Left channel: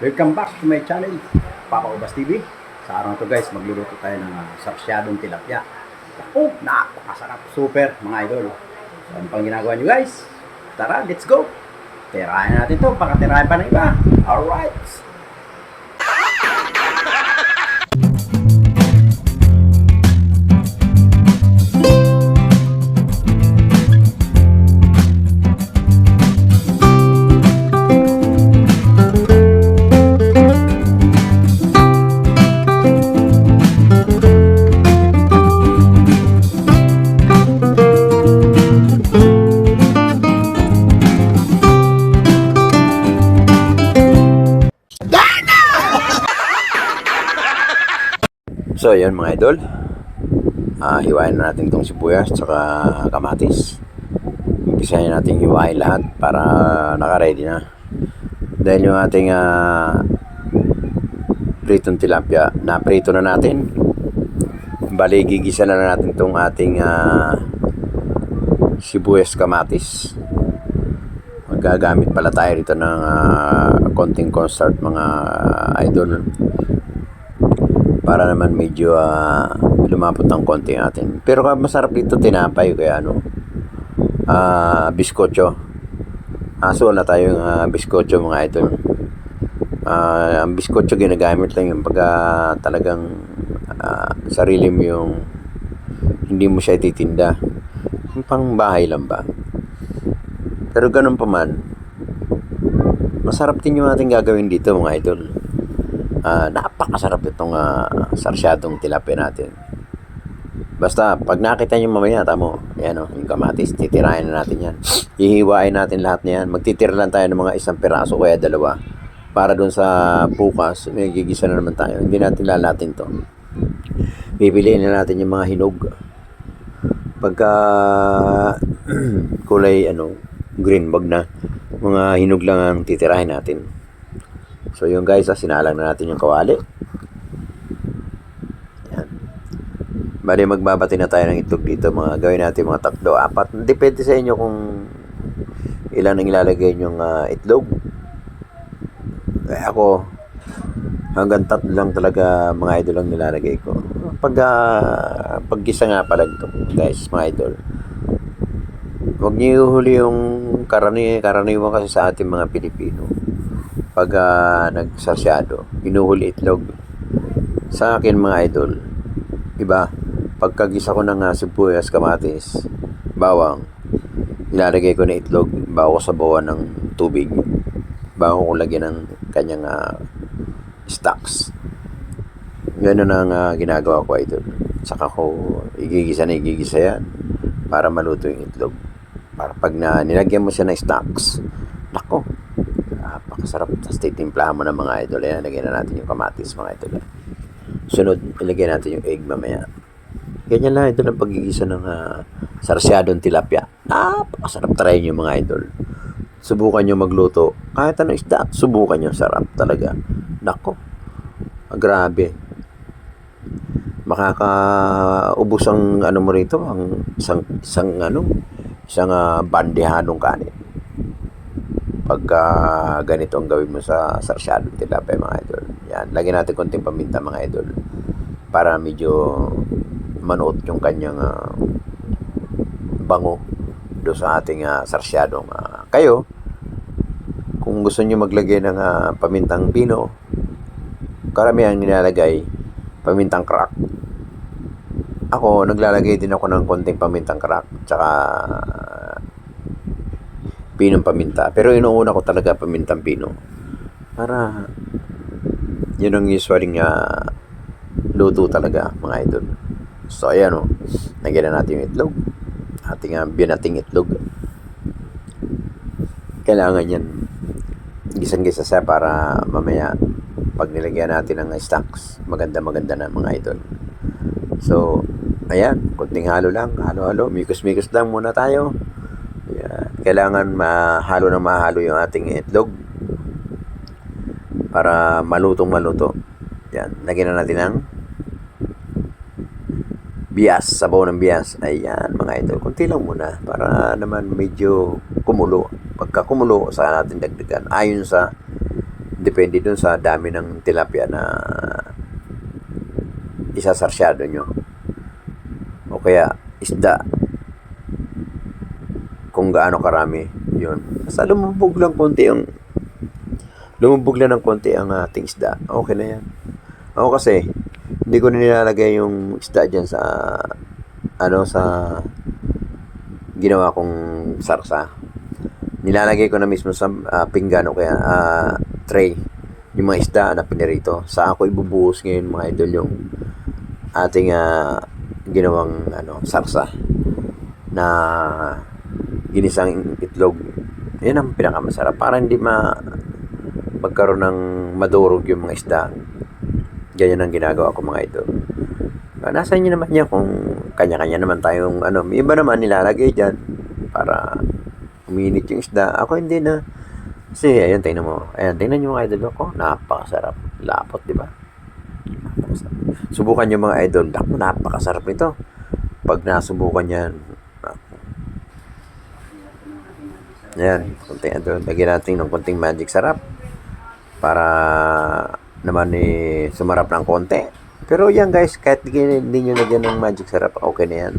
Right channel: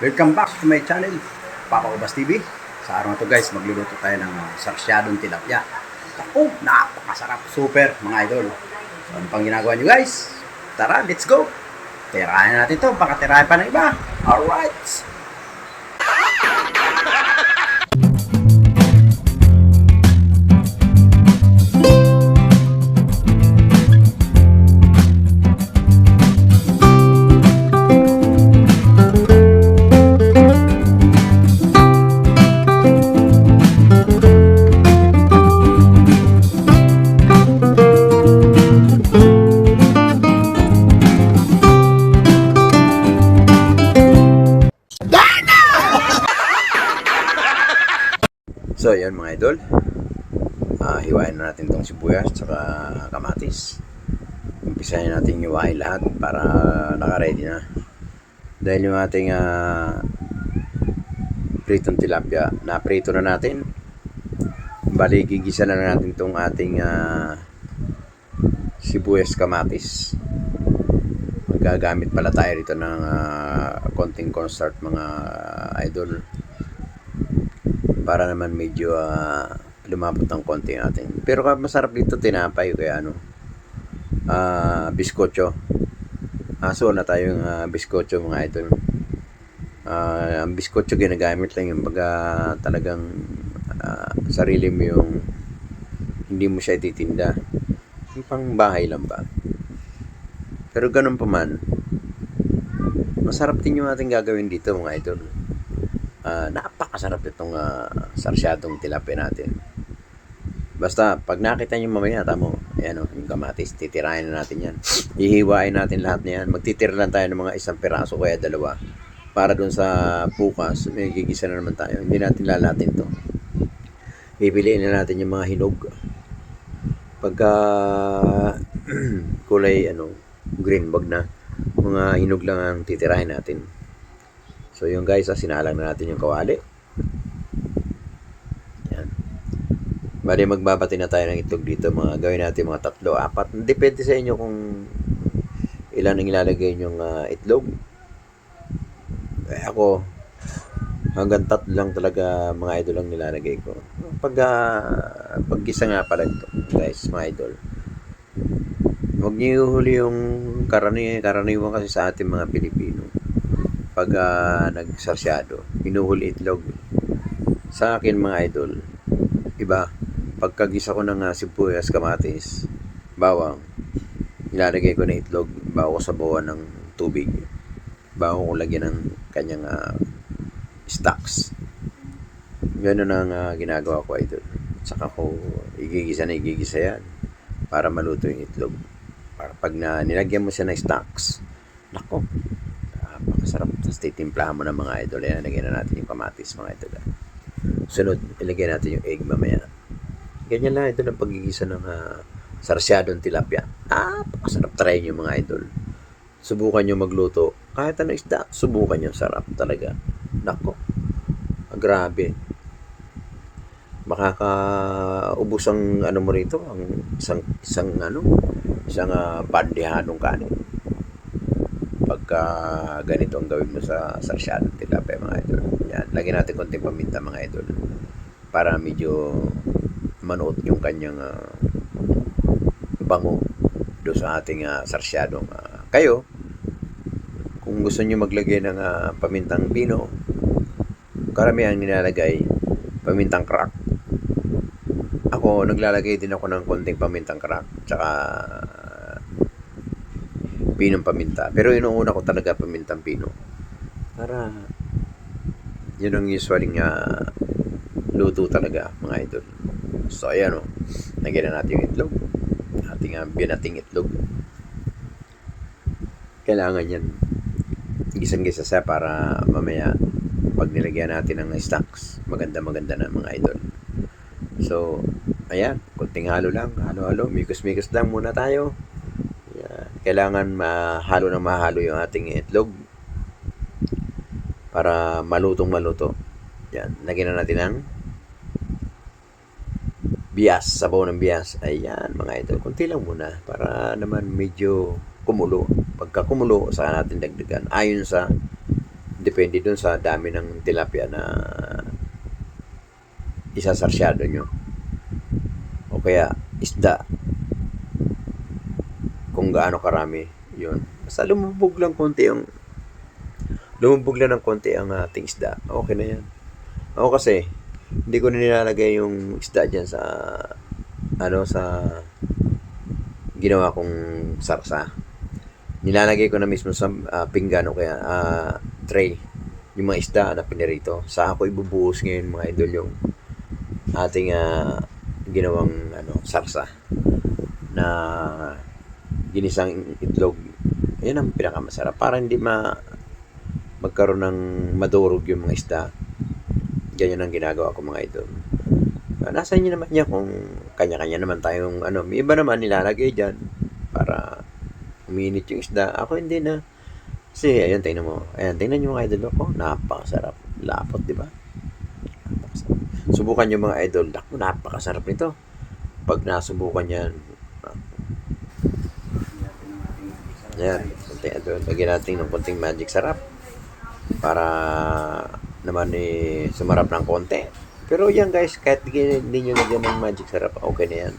Welcome back to my channel, Papa Ubas TV. Sa araw na to guys, magluluto tayo ng sarsyadong tilapia. Ako, napakasarap, super mga idol. So ano pang ginagawa nyo guys? Tara, let's go! Tirahin natin to, baka tirahin pa ng iba. Alright! So yun mga idol, hiwain na natin itong sibuyas at kamatis. Umpisahin natin hiwain lahat para naka-ready na. Dahil yung ating pritong tilapia na prito na natin, bali gigisa na natin itong ating sibuyas kamatis. Magagamit pala tayo rito ng konting cornstarch mga idol, para naman medyo lumapot ng konti natin. Pero masarap dito tinapay, kaya biskotso. So wala tayong biskotso mga idol. Ang biskotso ginagamit lang yung pagka talagang sarili mo yung hindi mo siya ititinda. Yung pang bahay lang ba. Pero ganun pa man, masarap din yung ating gagawin dito mga idol. Napakasarap itong sarsyadong tilapia natin. Basta pag nakita nyo mamaya, tamo, ayan yung kamatis, titirahin na natin yan. Hihiwain natin lahat na yan. Magtitira lang tayo ng mga isang piraso, kaya dalawa, para dun sa bukas may gigisa na naman tayo. Hindi natin lalatin to. Pipiliin na natin yung mga hinog. Pagka kulay green, wag na, mga hinog lang ang titirahin natin. So yung guys, sinalang na natin yung kawali. Yan. Bali magbabati na tayo ng itlog dito. Gawin natin mga 3, 4. Depende sa inyo kung ilan ang ilalagay nyong itlog. Ako, hanggang 3 lang talaga mga idol ang nilalagay ko. Paggisa nga pala ito guys, mga idol. Huwag niyo ihuli yung karaniwan kasi sa ating mga Pilipino. Pag nagsarsyado, hinuhuli itlog. Sa akin mga idol, iba, pagkagisa ko ng sibuyas, kamatis, bawang, ilalagay ko na itlog bago ko sabawan ng tubig, bago ko lagyan ng kanyang stocks. Ganun ang ginagawa ko idol. Saka ko igigisa yan para maluto yung itlog. Para pag nilagyan mo siya ng stocks, nako, napakasarap. Tapos titimplahan mo ng mga idol. Ayan, lagyan na natin yung kamatis mga idol. Sunod, ilagay natin yung egg mamaya. Ganyan lang idol ang pagigisa ng sarsyadong tilapia. Napakasarap. Try nyo mga idol. Subukan nyo magluto. Kahit anong isda, subukan nyo. Sarap talaga. Nako, grabe. Makakaubos ang mo rito, ang isang bandehanong kanin. Pagka ganito ang gawin mo sa sarsyadong tilapia mga idol. Yan, lagyan natin konting paminta mga idol para medyo manuot yung kanyang bango do sa ating sarsyadong. Kayo, kung gusto niyo maglagay ng pamintang pino, karamihan nilalagay pamintang crack. Ako, naglalagay din ako ng konting pamintang crack tsaka pinong paminta. Pero inuuna ko talaga pamintang pino. Para yun ang usually luto talaga mga idol. So ayan lagyan na natin yung itlog. Ating binating itlog. Kailangan yan gisang-gisa siya para mamaya pag nilagyan natin ng stocks, maganda na mga idol. So ayan, konting halo lang, halo-halo, mikos-mikos lang muna tayo. Kailangan mahalo yung ating itlog para maluto. Yan, lagyan na natin ng bias, sabaw ng bias. Ayan mga idol, kunti lang muna para naman medyo kumulo. Pagka kumulo, saka natin dagdagan ayon sa Depende dun sa dami ng tilapia na isasarsyado nyo. O kaya isda, kung gaano karami. Yun. Basta lumubog lang ng konti ang ating isda. Okay na yan. Ako kasi, hindi ko na nilalagay yung isda dyan sa sa ginawa kong sarsa. Nilalagay ko na mismo sa pinggan o kaya tray yung mga isda na pinirito. Sa ako ibubuhos ngayon mga idol yung ating ginawang sarsa na ginisang itlog. Yan ang pinakamasarap para hindi magkaroon ng madurog yung mga isda. Ganyan ang ginagawa ko mga idol. Nasa inyo naman yan kung kanya-kanya naman tayong may iba naman nilalagay dyan para uminit yung isda. Ako hindi na. Kasi ayan, tingnan mo. Ayan, tingnan nyo mga idol ko. Napakasarap. Lapot, di ba? Napakasarap. Subukan nyo mga idol. Naku, napakasarap nito. Pag nasubukan yan. Ayan, konting lagyan natin ng konting magic sarap. Para naman sumarap ng konti. Pero yan guys, kahit hindi nyo lagyan ng magic sarap, okay na yan.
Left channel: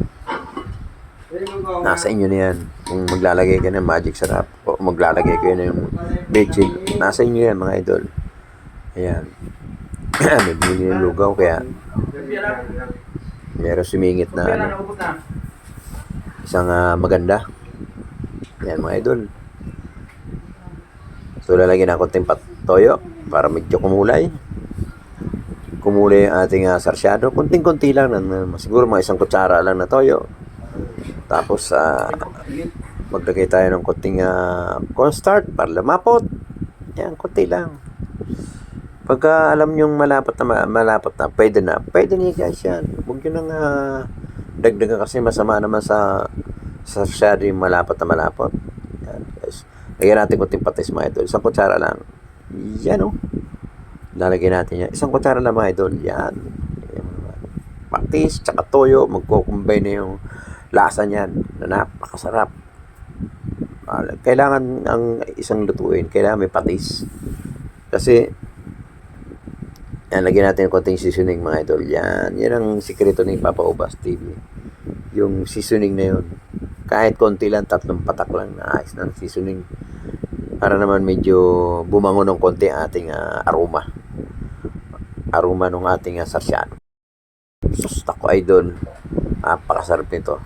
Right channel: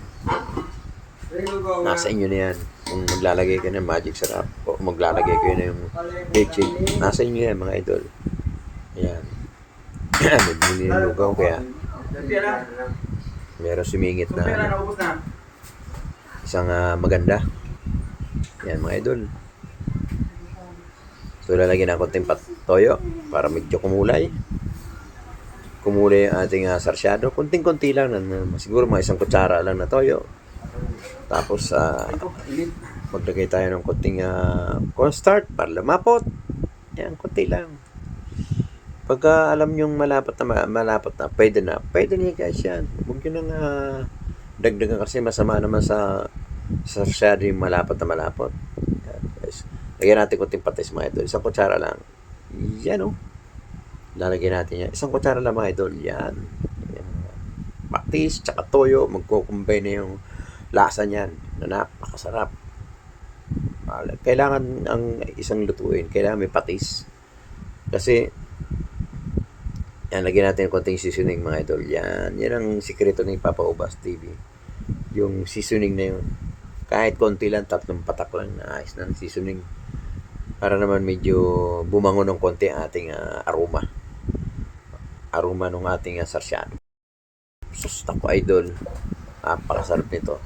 Nasa inyo na yan. Kung maglalagay ka ng magic sarap o maglalagay kayo ng leche, nasa inyo yan mga idol. Ayan. May bumili ng lugaw kaya meron sumingit na isang maganda. Yan mga idol. So lalagyan ng konting toyo para medyo kumulay yung ating sarsyado. Kunting-kunti lang siguro mga isang kutsara lang na toyo. Tapos maglagay tayo ng konting cornstarch para lumapot. Yan, konti lang. Pagka alam nyong malapot na, pwede na guys yan. Huwag nyo nang dagdagan kasi masama naman sa sarsyado yung malapot. Yan guys. Lagyan natin konting patis mga idol. Isang kutsara lang. Yan lalagyan natin yan. Isang kutsara lang mga idol. Yan. Patis, tsaka toyo. Magkukumbay na yung lasa niyan. Na napakasarap. Kailangan ang isang lutuin. Kailangan may patis. Kasi yan, lagyan natin konting seasoning mga idol. Yan. Yan ang sikreto ni Papa Ubas TV. Yung seasoning na yun. Kahit konti lang, 3 patak lang na ayos ng seasoning. Para naman medyo bumangon ng konti ating aroma ng ating sarsyado. Sus, tako idol. Napakasarap nito.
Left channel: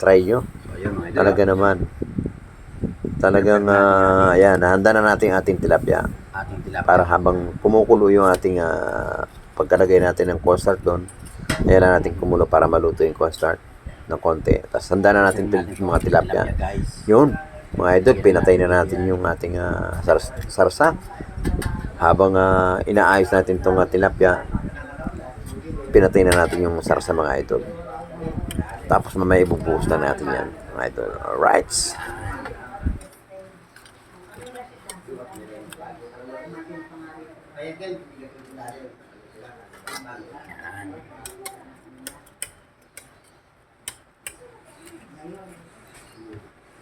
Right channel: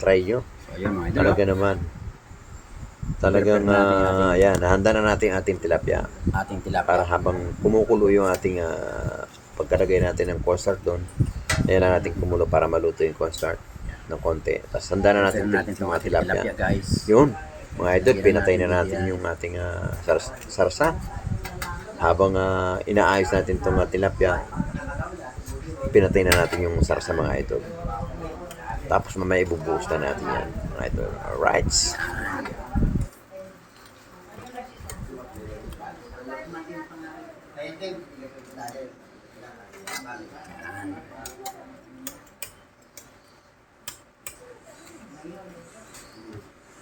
Try nyo. Talaga naman. Talagang ayan, nahanda na natin ating tilapia. Para habang kumukulo yung ating pagkalagay natin ng cornstarch doon, ayan na natin kumulo para maluto yung cornstarch ng konti. Tapos handa na natin yung mga tilapia. Yun, mga idol, pinatay na natin yung ating sarsa. Habang inaayos natin itong tilapia, pinatay na natin yung sarsa mga idol. Tapos mamaya ibubuhos na natin yan mga idol. Alright.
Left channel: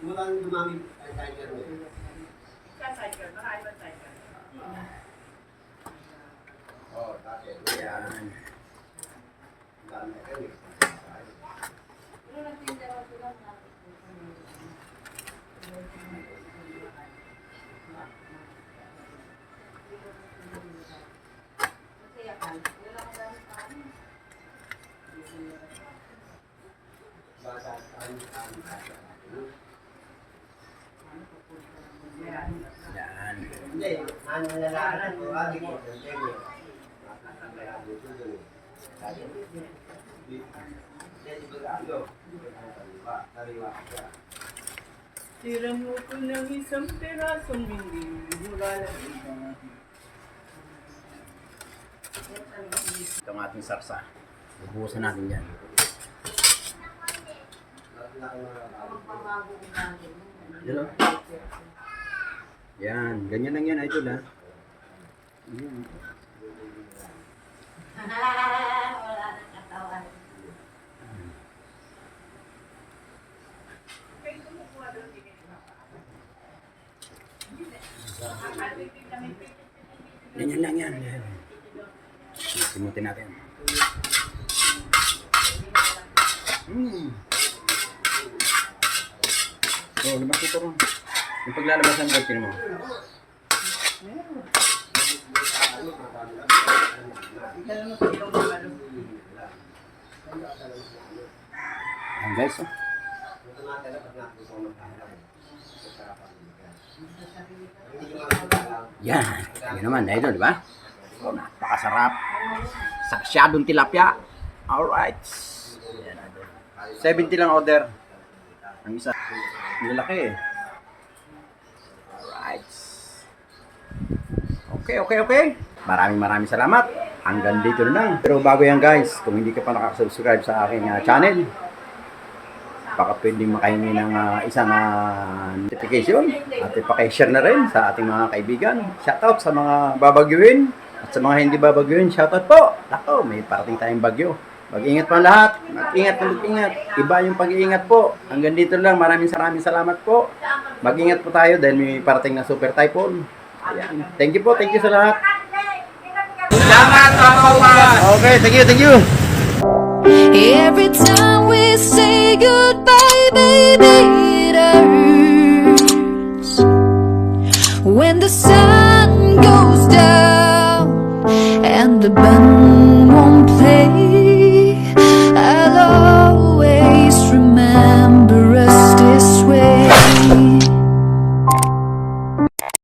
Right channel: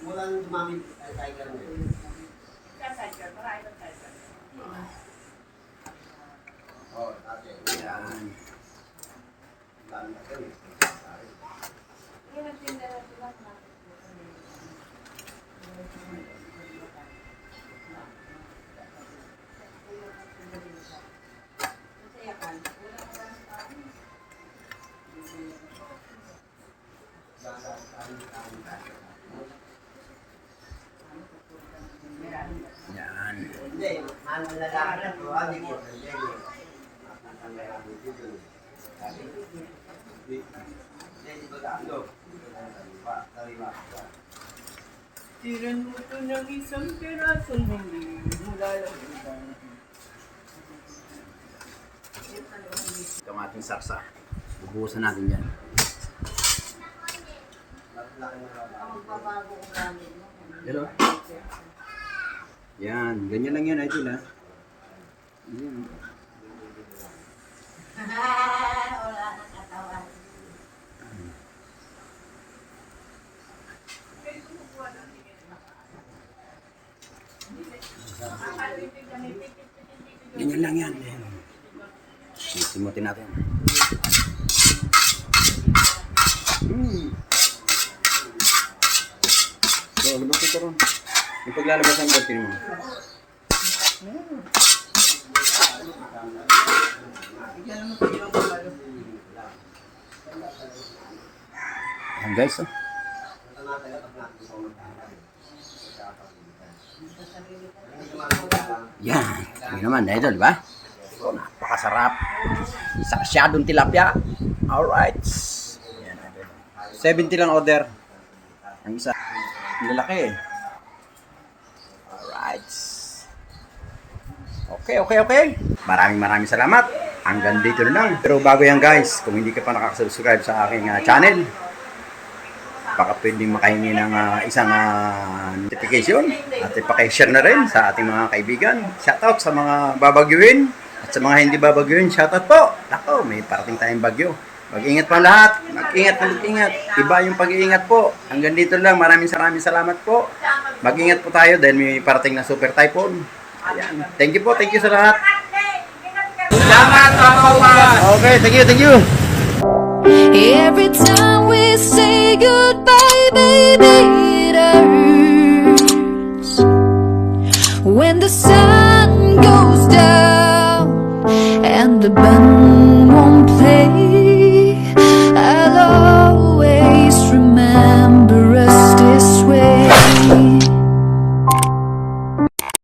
Mulang dumami tiger mo. Tiger, marami ba tiger? Oh, dati. Yan. Dami ka rin. Hindi nagtinda na sila na. Masaya ka. Wala ka daw sa akin. Yan. Hindi, ang lalaki na po, hindi ko. Tiran mo ko ng isang pirasong hindi mula lang. Ito ang ating sarsa. Bubuhusan natin yan. Hello? Yan. Ganyan lang yan, idol ha. Yan. Wala nang katawan. Ganyan lang yan. Simutin natin. So, labas ito ron. Yung paglalabasan ko, mo. Ayan guys, oh. Yan. Tingnan naman, idol, di ba? Oh, napakasarap. Saksyadong tilapia. Alright. 70 lang order. Ang isa. Ang lalaki eh. Alright. Okay. Maraming salamat. Hanggang dito na lang. Pero bago yan guys, kung hindi ka pa nakasubscribe sa aking channel, baka pwedeng makahingi ng isang notification at ipakishare na rin sa ating mga kaibigan. Shoutout sa mga babagyuhin at sa mga hindi babagyuhin, shoutout po. Ako, may parating tayong bagyo. Mag-ingat pa lahat. Mag-ingat. Iba yung pag-iingat po. Hanggang dito lang. Maraming salamat po. Mag-ingat po tayo dahil may parating na super typhoon. Ayan. Thank you po. Thank you sa lahat. Salamat, Papa! Okay, thank you. Every time we say goodbye, baby, it hurts. When the sun goes down and the band won't play,